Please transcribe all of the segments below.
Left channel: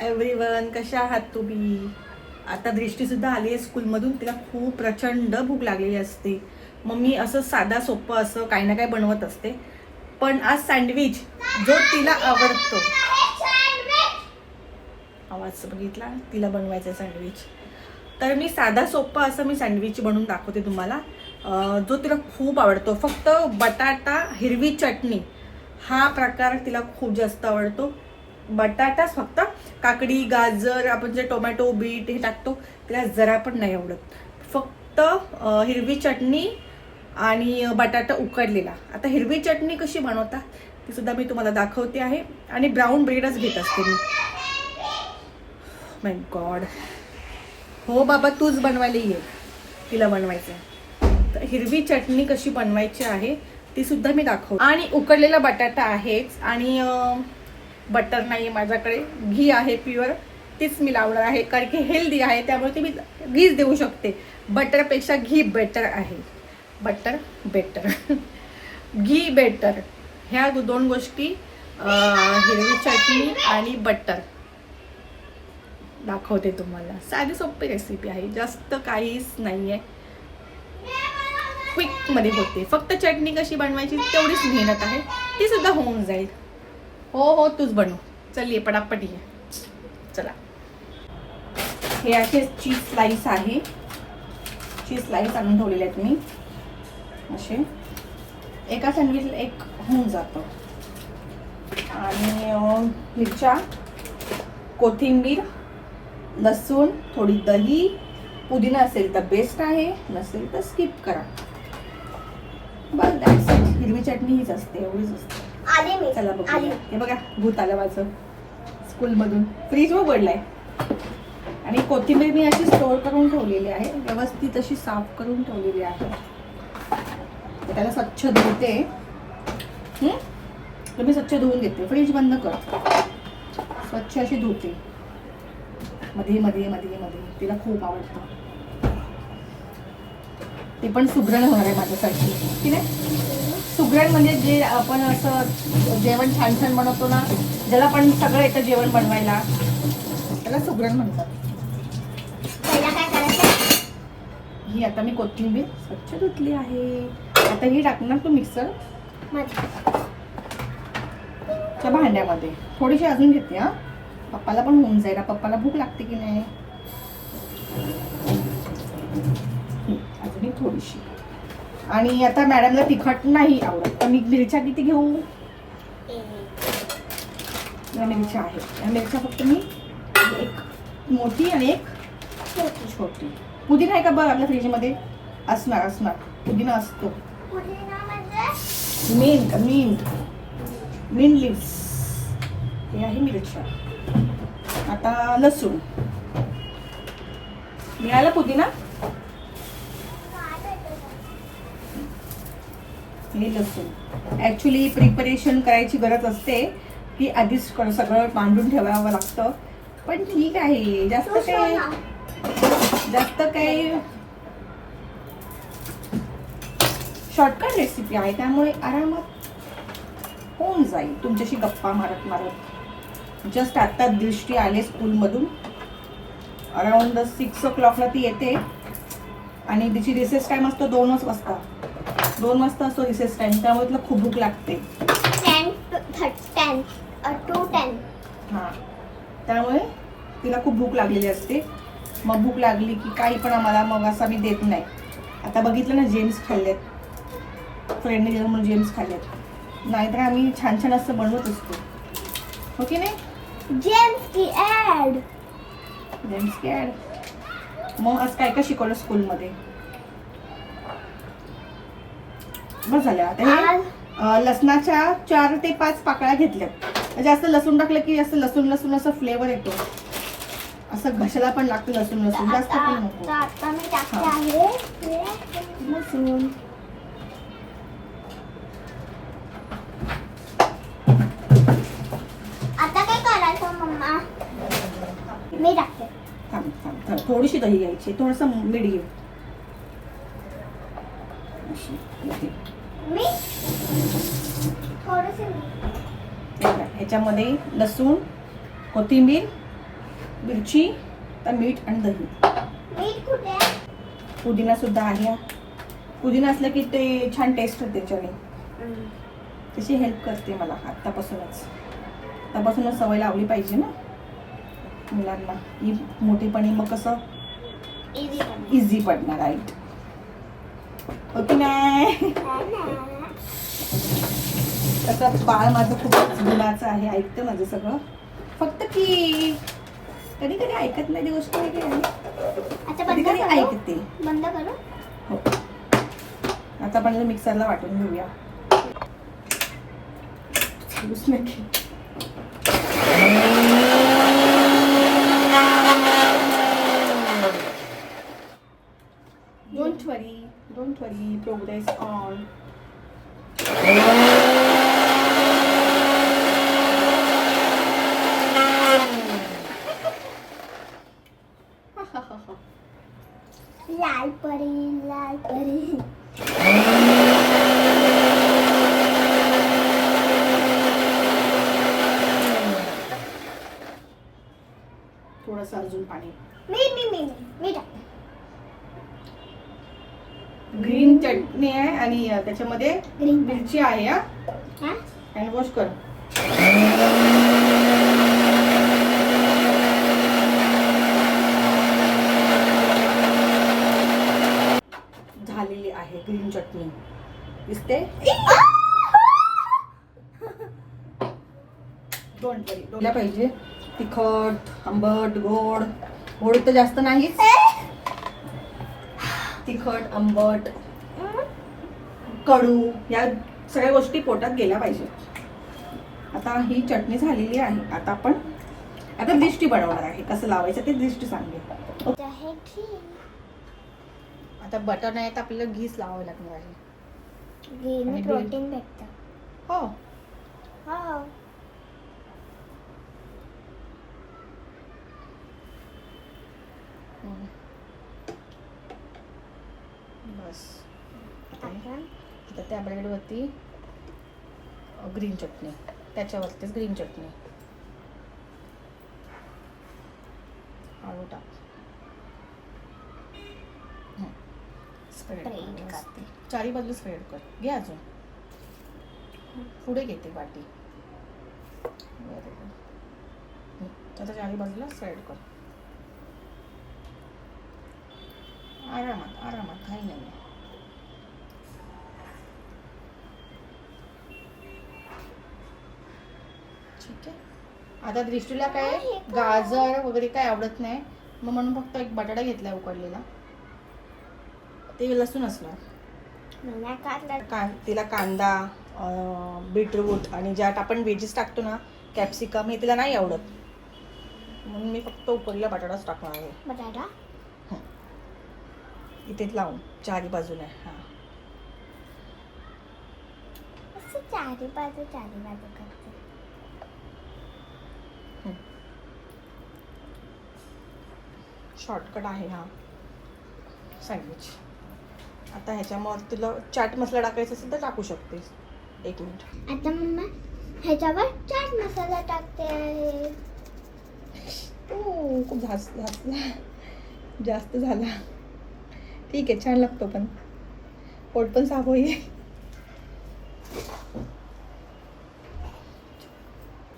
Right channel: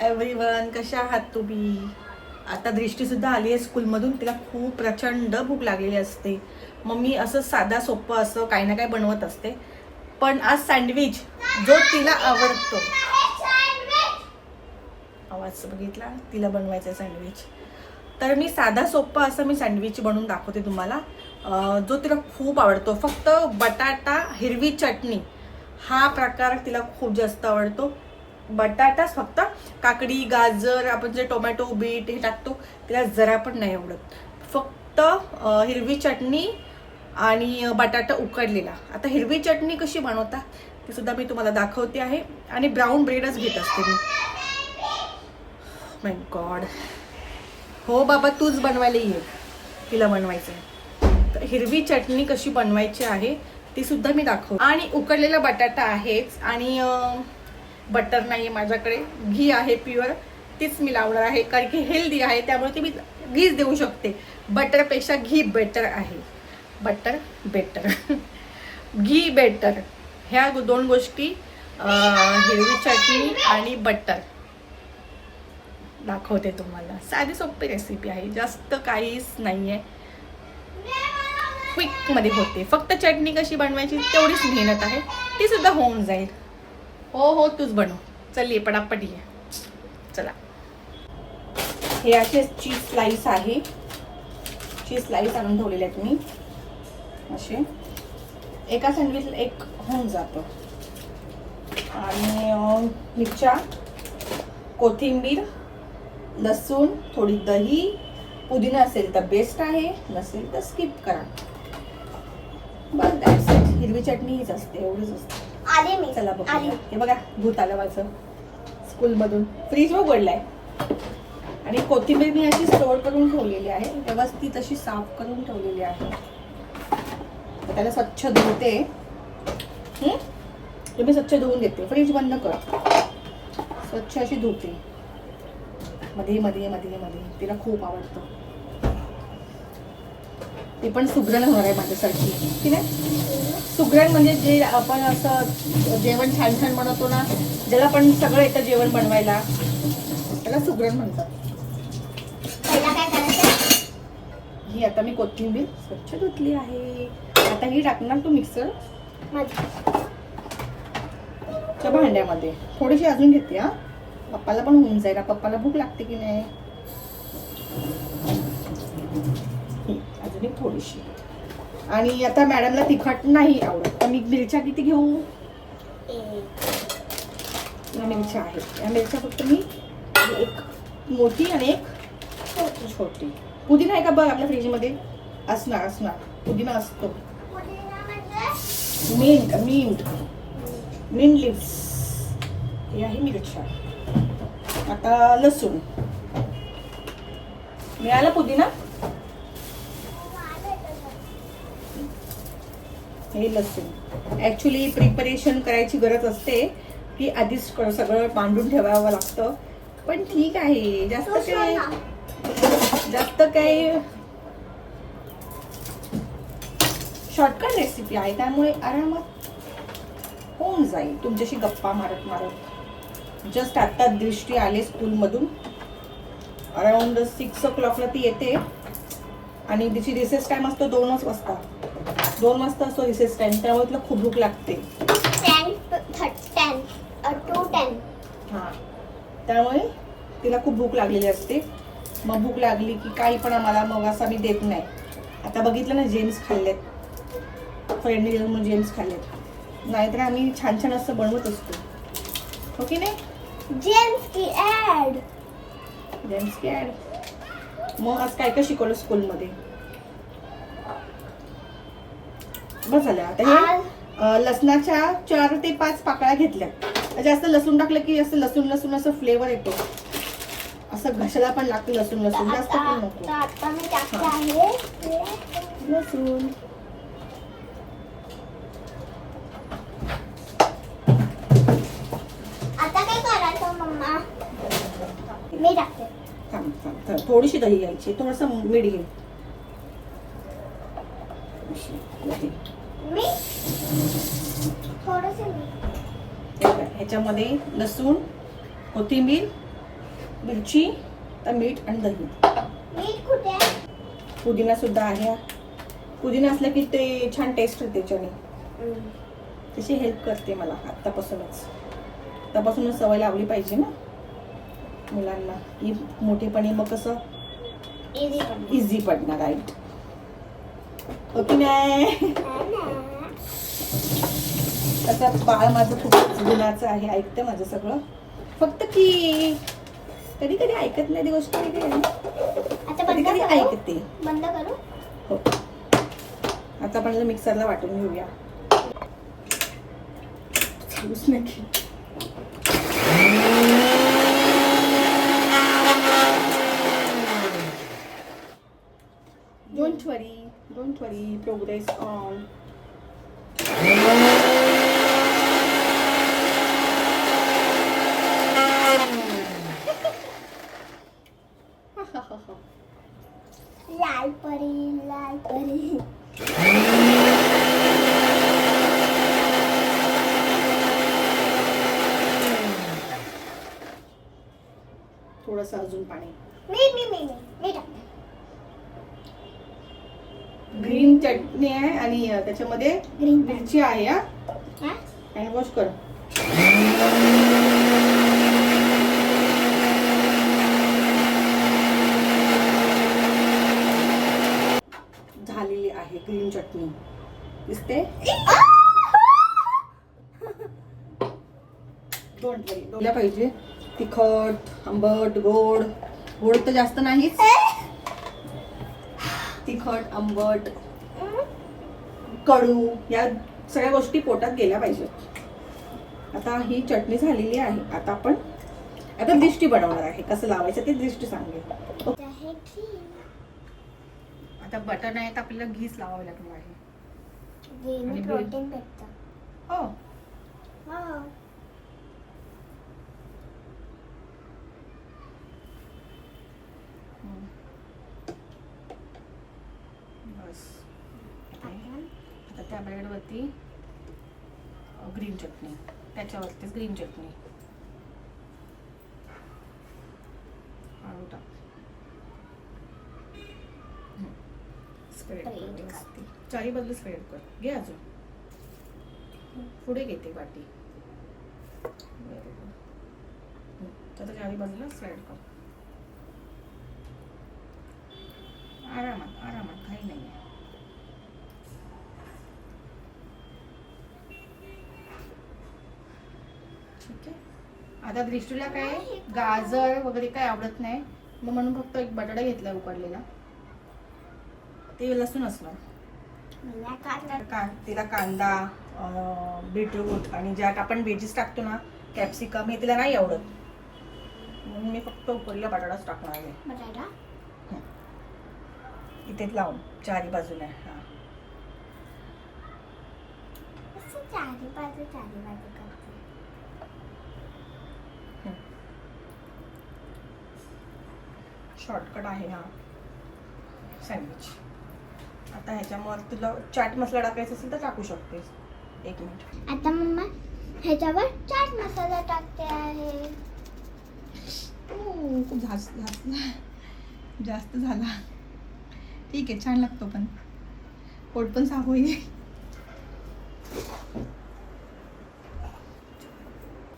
Everyone, कशा आहात तुम्ही? आता दृष्टीसुद्धा आली आहे स्कूलमधून. तिला खूप प्रचंड भूक लागलेली असते. मग मी असं साधा सोपं असं काही ना काही बनवत असते. पण आज सँडविच जो तिला आवडतो, आवाज बघितला, तिला बनवायचं सँडविच. तर मी साधा सोपं असं मी सँडविच बनवून दाखवते तुम्हाला, जो तिला खूप आवडतो. फक्त बटाटा हिरवी चटणी हा प्रकार तिला खूप जास्त आवडतो. बटाटाच फक्त, काकडी गाजर आपण जे टोमॅटो बीट हे टाकतो तिला जरा पण नाही आवडत. फक्त हिरवी चटणी आणि बटाटा उकडलेला. आता हिरवी चटणी कशी बनवता ती सुद्धा मी तुम्हाला दाखवते आहे. आणि ब्राऊन ब्रेडच घेत असते मी. माय गॉड, हो बाबा तूच बनवायला ये, तिला बनवायचं आहे. तर हिरवी चटणी कशी बनवायची आहे ती सुद्धा मी दाखवते. आणि उकडलेला बटाटा आहेच, आणि बटर नाही आहे माझ्याकडे, घी आहे प्युअर, तीच मी लावणार आहे कारण की हेल्दी आहे. त्यामुळे ती मी घीच देऊ शकते. बटरपेक्षा घी बेटर आहे. बटर बेटर घी बेटर. ह्या दोन गोष्टी, हिरवी चटणी आणि बटर दाखवते तुम्हाला. साधी सोपी रेसिपी आहे, जास्त काहीच नाही आहे, क्विकमध्ये होते. फक्त चटणी कशी बनवायची तेवढीच मेहनत आहे, ती सुद्धा होऊन जाईल. हो हो तूच बनव, चल ये पटापट ये. चला, हे असे चीज स्लाइस आहे. चीज स्लाइस आणून ठेवलेले आहेत मी. असे एका सँडविचला एक होऊन जातं. आणि मिरच्या, कोथिंबीर, लसूण, थोडी दही, पुदिना असेल तर बेस्ट आहे, नसेल तर स्किप करा. बस दॅट्स इट. हिरवी चटणी हीच असते, एवढीच असते. चला बघ, हे बघा भूत आलं माझं स्कूलमधून. फ्रीज उघडलाय. आणि कोथिंबीर मी अशी स्टोर करून ठेवलेली आहे, व्यवस्थित अशी साफ करून ठेवलेली आहे. त्याला स्वच्छ धुते. मी स्वच्छ धुवून देते. फ्रीज बंद कर. स्वच्छ अशी धुते. मध्ये मध्ये मध्ये मध्ये. तिला खूप आवडतं. ती पण सुगरण होणार आहे माझ्यासाठी, की नाही? सुगरण म्हणजे जे आपण असं जेवण छान छान बनवतो ना, ज्याला पण सगळं येतं जेवण बनवायला, त्याला सुगरण म्हणतात. ही आता मी कोथिंबीर स्वच्छ धुतली आहे. आता ही टाकणार तू मिक्सर भांड्यामध्ये. थोडीशी अजून घेते. हा, पप्पाला पण होऊन जाईल. पप्पाला भूक लागते की नाही. अजून एक थोडीशी. आणि आता मॅडमला तिखट नाही आवडत, तर मी मिरच्या किती घेऊ? या मिरच्या आहेत. या मिरच्या फक्त मी एक मोठी आणि एक छोटी. पुदिना आहे का बघ आपल्या फ्रीजमध्ये? असणार. पुदिना असतो. Mint leaves. हे आहे मिरच्या. आता लसूण. मिळाला पुदिना? हे लसूण. ऍक्च्युली प्रिपरेशन करायची गरज असते की आधीच सगळं मांडून ठेवावं लागतं. पण ठीक आहे, जास्त काय शॉर्टकट रेसिपी आहे, त्यामुळे आरामात होऊन जाईल तुमच्याशी गप्पा मारत. जस्ट आता दृष्टी आले स्कूलमधून. अराउंड 6 o'clockला ती येते. आणि तिची रिसेस टाइम असतो 2 वाजता. 2 वाजता असतो रिसेस टाइम. त्यामुळे तिला खूप भूक लागते. 10 to 10. हा, त्यामुळे तिला खूप भूक लागलेली असते. मग भूक लागली की काही पण आम्हाला मग असं मी देत नाही. आता बघितलं ना, जेम्स खाल्लेत, फ्रेंडने दिलं म्हणून जेम्स खाल्लेत. नाहीतर आम्ही छान छान असं बनवत असतो, हो की नाही? जेम्स की ऍड. मग आज काय काय शिकवलं स्कूलमध्ये? बस झालं. आता हे लसणाच्या 4 ते 5 पाकळ्या घेतल्यात. जास्त लसूण टाकलं की असं लसूण असं फ्लेवर येतो. असं घशाला पण लागतं लसूण. जास्त पण नको. आता मी टाकते आहे लसूण. आता काय करायचं मम्मा? मी टाकते. थांब. थोडीशी दही घ्यायची, थोडंसं मीठ घे. मी थोडंसं ह्याच्यामध्ये लसूण, कोथिंबीर मिरची, तर मीठ आणि दही. मीठ कुठे आहे? पुदिना सुद्धा आहे. पुदिना असलं की ते छान टेस्ट होते त्याच्याने. तशी हेल्प करते मला आत्तापासूनच सवय लावली पाहिजे ना मुलांना, की मोठेपणी मग कसं इझी पडणार. राईट, ओके नाही? तसंच बाळ माझं खूप गुणाचं आहे, ऐकतं माझं सगळं. फक्त की कधी कधी ऐकत नाही ती गोष्ट वेगळी आहे. कधी कधी ऐकते. बंद करू. हो, आता आपण मिक्सरला वाटून घेऊया. Don't worry, progress on. लाल परी. थोडंसं अजून पाणी. मी टाक. ग्रीन चटणी आहे आणि त्याच्यामध्ये ग्रीन मिरची आहे. हा? हँड वॉश कर. झालेली आहे ग्रीन चटणी, दिसते. डोंट वरी. पाहिजे तिखट, आंबट, गोड. गोड तर जास्त नाहीच. तिखट, आंबट, कडू या सगळ्या गोष्टी पोटात गेल्या पाहिजेत. आता ही चटणी झालेली आहे. आता दिष्टी बनवणार आहे. कसं लावायचं ते दिष्टी सांगेल. आता बटर नाही तर आपल्याला घीच लावावं लागणार आहे. घी प्रोटीन भेटतं. हो, हो. बस. आता त्या ब्रेडवरती ग्रीन चटणी, त्याच्यावरतीच ग्रीन चटणी. हळू टाक. स्प्रेड कर. चारी बाजू स्प्रेड कर. घे अजून पुढे घेते वाटी. आता चारी बाजूला स्प्रेड कर. आरामात काही नाही. ठीक आहे. आता दृष्टीला काय गाजर वगैरे काय आवडत नाही, मग म्हणून फक्त एक बटाटा घेतलाय उकडलेला. ते लसूण असणार काय. तिला कांदा, बीटरूट आणि ज्यात आपण व्हेजीस टाकतो ना, कॅप्सिकम, हे तिला नाही आवडत, म्हणून मी फक्त उकडलेला बटाटाच टाकणार आहे. बटाटा इथेच लावून चारी बाजूने. हा, चारी बाजू शॉर्टकट आहे हा सँडविच. आता ह्याच्यामध्ये तुला चाट मसाला टाकायचा असेल तर टाकू शकतेस. 1 मिनिट. आता मम्मा ह्याच्यावर चाट मसाला टाकते आहे. खूप जास्त झाला. ठीक आहे, छान लागतो, पण पोट पण साफ होईल.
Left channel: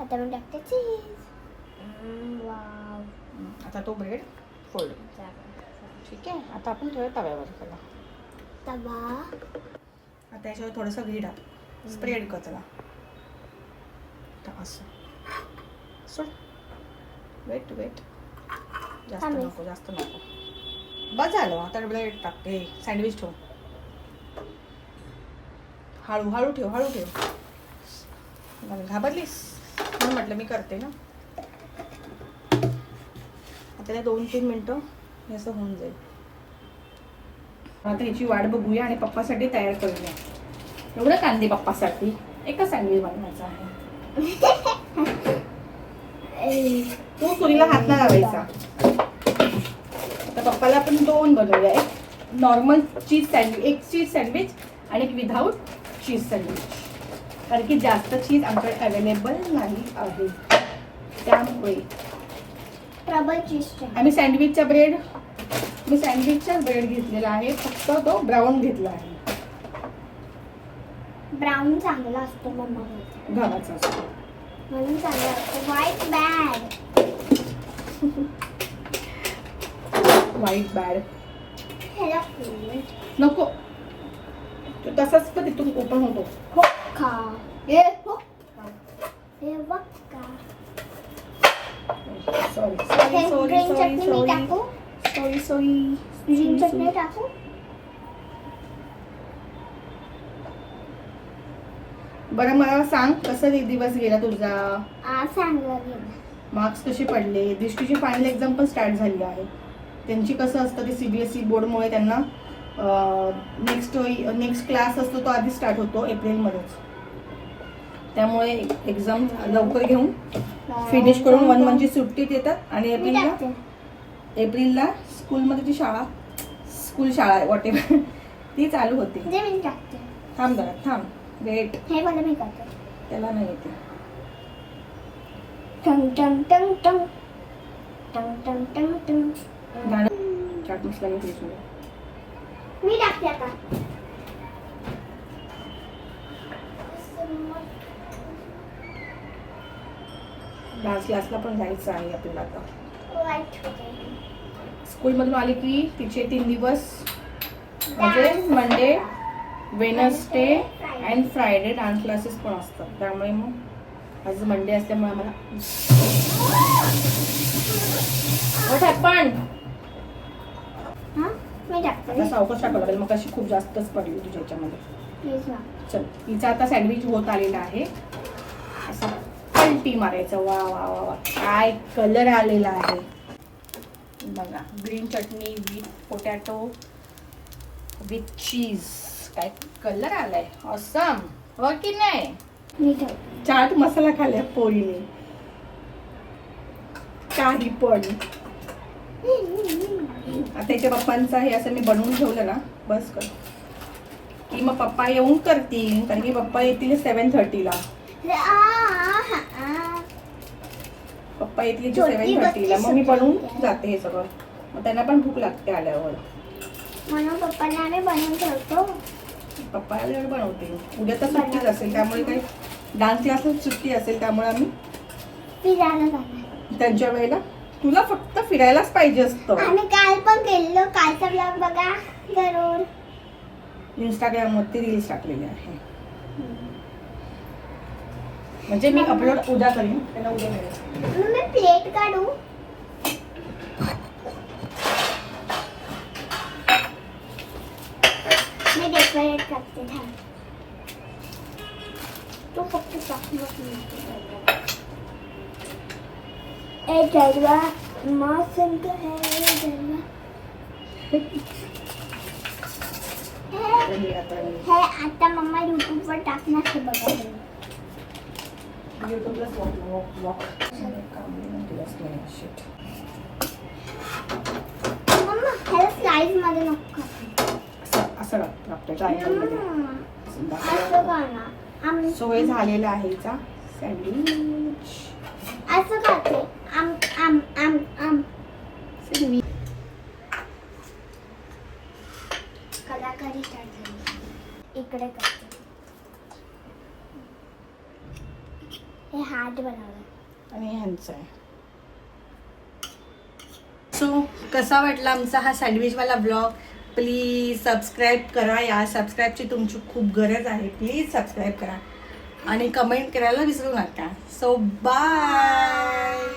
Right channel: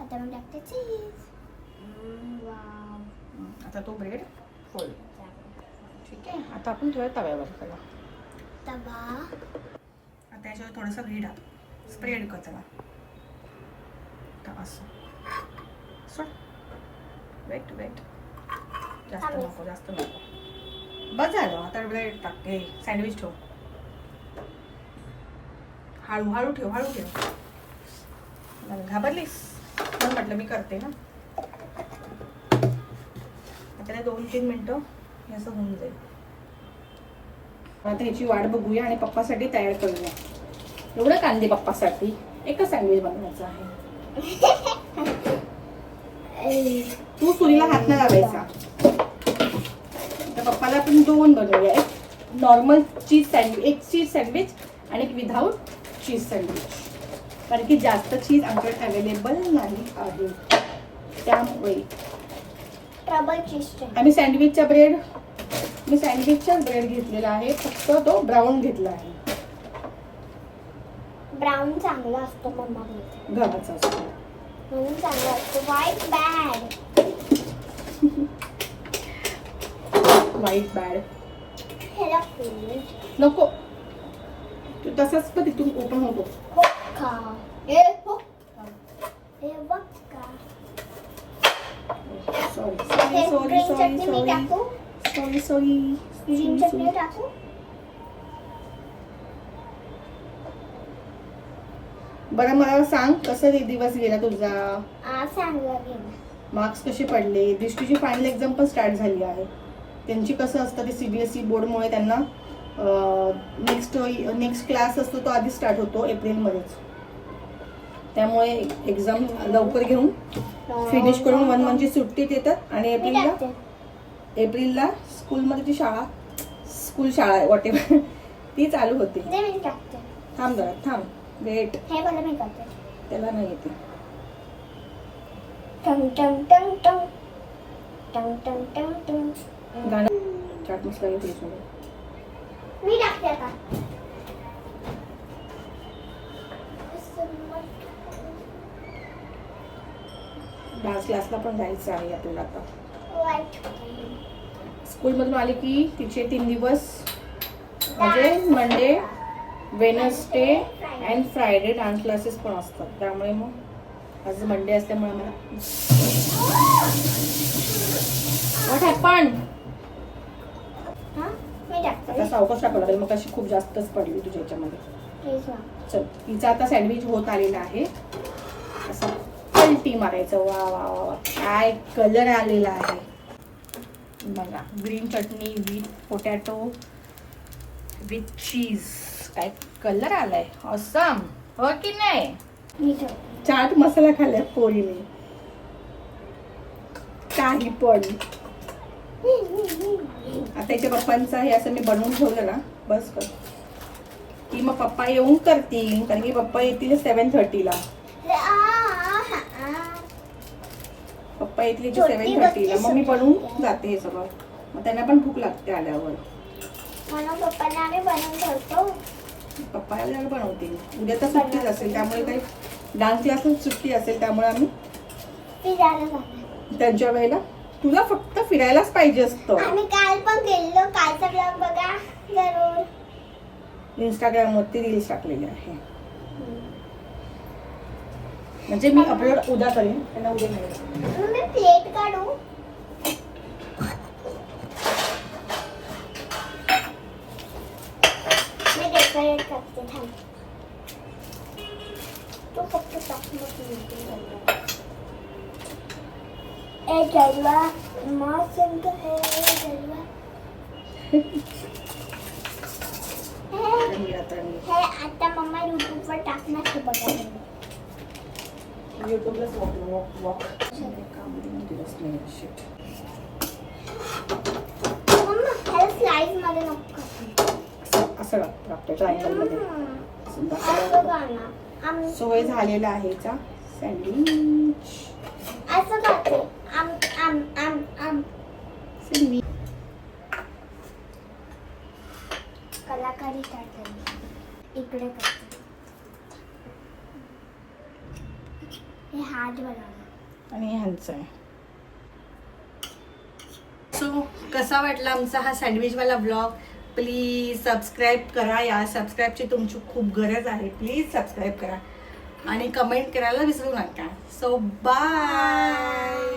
आता मी टाकते चीज. आता तो ब्रेड फोल्ड. ठीक आहे. आता आपण ठेवूया तव्यावर. तवा. आता याच्यावर थोडंसं घी टाक. स्प्रेड कर त्याला. असं सोड. वेट. जास्त नको. बस झालं. आता ब्रेड टाकते. सँडविच ठेव. हळू ठेव. घाबरलीस म्हणून म्हटलं मी करते ना. आता 2-3 मिनिटं हे असं होऊन जाईल. आता याची वाट बघूया आणि पप्पासाठी तयार करूया. एवढं कांदे पप्पासाठी एकच सँडविच बनवायचं आहे. तू सुरीला हात नाही लावायचा. आता पप्पाला आपण 2 बनवूया. एक नॉर्मल चीज सँडविच, एक चीज सँडविच आणि एक विदाऊट चीज सँडविच, कारण की जास्त चीज आमच्याकडे अवेलेबल नाही आहे. त्यामुळे डबल चीज आम्ही सँडविचचा ब्रेड घेतलेला आहे, फक्त तो ब्राऊन घेतला आहे. ब्राऊन चांगला असतो मम्मा बोलते, गव्हाचा असतो म्हणून चांगला असतो. व्हाईट बॅड ह्याला फूड नको, तो तसाच पण तिथून ओपन होतो. हो खा. हे हो हे बघ का. सॉरी ग्रीन चटणी मी टाकू, ग्रीन चटणी टाकू. बरं मला सांग, कसा दिवस गेला तुझा? सांगा मार्क्स कसे पडले? दृष्टीची फायनल एक्झाम पण स्टार्ट झाली आहे. त्यांची कसं असतं ते CBSE बोर्डमुळे त्यांना नेक्स्ट क्लास असतो तो आधी स्टार्ट होतो एप्रिलमध्येच. त्यामुळे एक्झाम लवकर घेऊन फिनिश करून 1 मंथची सुट्टी देतात आणि एप्रिलला स्कूलमध्ये जी स्कूल शाळा आहे वॉटेवर ती चालू होती. मी टाकते. थांब जरा, थांब, वेट. हे मला मी टाकते. त्याला नाही येते. टंग टंग टंग टंग टंग टंग टंग टंग. गाणं चाट मसाला घेतली मी टाकते आता. डान्स क्लासला पण जायचं आहे आपल्याला आता. व्हाईट स्कूलमधून आली की तिचे 3 दिवस म्हणजे Monday, Wednesday and Friday dance classes पण असतात. त्यामुळे मग आज मंडे असल्यामुळे मला व्हॉट हॅपन. मी टाकते. आता सावकाश टाकावं लागेल, मग अशी खूप जास्तच पडली तुझ्या ह्याच्यामध्ये. प्लीज ना. चल, तिचा आता सँडविच होत आलेला आहे. असं पलटी मारायचं. वा वा वा वा, काय कलर आलेला आहे बघा. Green chutney with potato with cheese, काय कलर आलाय. ऑसम, हो की नाही? मी टाकते. चाट मसाला खाल्लाय पोरीने काही पण. आता त्याच्या पप्पांचा हे असं मी बनवून ठेवलं ना, बस कर की मग पप्पा येऊन करतील, कारण की पप्पा येतील 7:30ला. पप्पा येतील 7:30ला. मग मी बनवून जाते हे सगळं, मग त्यांना पण भूक लागते आल्यावर. म्हणून पप्पाला आम्ही बनवून ठेवतो. पप्पा वेळ बनवते. उद्या तर सुट्टीच असेल, त्यामुळे काही डान्स क्लास सुट्टी असेल, त्यामुळे आम्ही फिरायला जाणार. त्यांच्या वेळेला. तुला फक्त फिरायलाच पाहिजे असतं. आम्ही काल पण गेलो. कालचा ब्लॉग बघा जरूर. इंस्टाग्रामवरती रील्स टाकलेली आहे, म्हणजे मी अपलोड उद्या करीन, त्यांना उद्या मिळेल. मग मी प्लेट काढू. मी डेकोरेट करते. थांब, तू फक्त टाक. ए जलवा मस्त है जलवा. हे आता मम्मा यूट्यूबवर टाकणार ते बघा. मम्मा ह्याला स्लाइस मध्ये नको. असं लागतं ट्रायंगल मध्ये. असं करणार. सोय झालेला आहे हिचा सँडविच. असं करते. आम आम आम आम कलाकारी स्टार्ट झाली. इकडे करते. हे हार्ट बनवलं आणि ह्यांचं आहे. सो कसा वाटला आमचा हा सँडविचवाला ब्लॉग? प्लीज सबस्क्राईब करा. या सबस्क्राईबची तुमची खूप गरज आहे. प्लीज सबस्क्राईब करा आणि कमेंट करायला विसरू नका. So bye.